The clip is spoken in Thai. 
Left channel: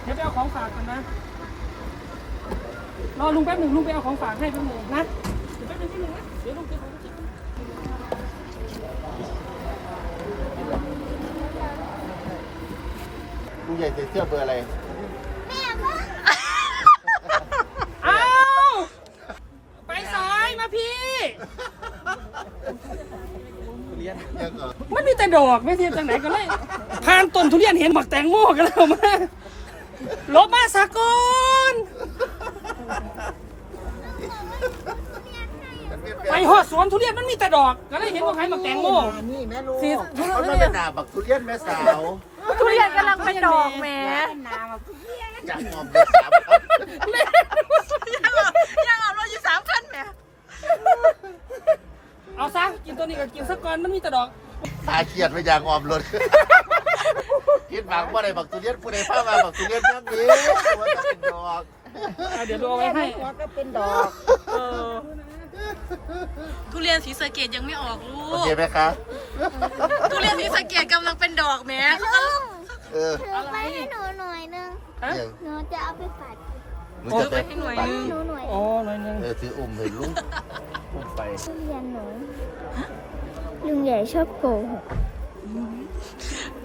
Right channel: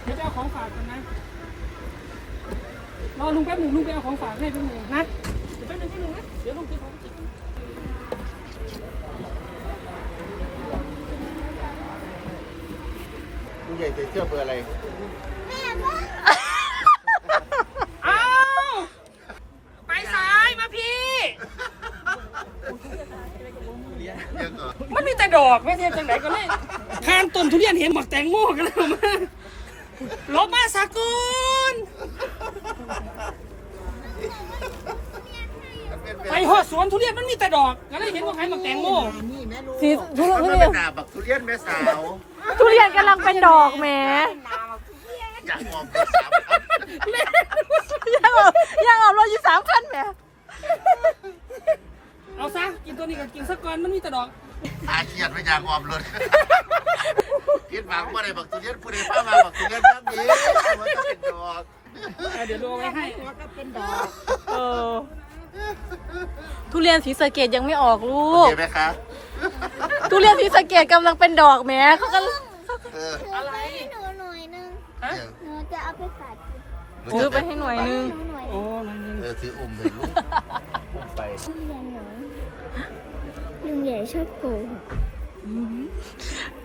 เดี๋ยวไปเอาของฝากกันนะรอลุงแป๊บหนึ่งลุงไปเอาของฝากให้แป๊บหนึ่งนะเดี๋ยวแป๊บหนึ่งนะเดี๋ยวลุงจะของจริงลุงใหญ่ใส่เสื้อเบอร์อะไรแม่บ้าอ้าวไปสายมาพี่มันมีแต่ดอกไม่เทียนจังไหนกันเลยทานต้นทุเรียนเห็นหมักแตงโมกันแล้วมาลบมาสากลไปหอดสวนทุเรียนมันมีแต่ดอกก็เลยเห็นว่าใครหมักแตงโมนี่แม่ลูกสีทุมันเรียเป็น นหนาบักทุเรียนแม่สาวทุเรียนกำลังเป็นดอกแหมอยากมองแม่สาวยังออกรถอยู่3,000แหมเอาซะกินตัวนี้กับกินสักก่อนมันมีแต่ดอกอาเกียดไม่อยากออมรถคิดหวังว่าอะไรบักทุเรียนผู้ใดพามาบักทุเรียนเรื่องนี้มันต้องเป็นดอกเดี๋ยวดูเอาไว้ให้ก็เป็นดอกเออทุเรียนสีสะเกดยังไม่ออกลูโอก เคไหมคะทุเรียนสีสะเกดกำลังเป็นดอกแหมเขาก็เออถือไปให้หนูหน่อยนึงหนูจะเอาไปฝากซื้อไปให้หน่วยนึงหนูหน่อยโอ้หน่อยนึงคืออุ้มถึงไปทุเรียนหนูลุงใหญ่ชอบโกหก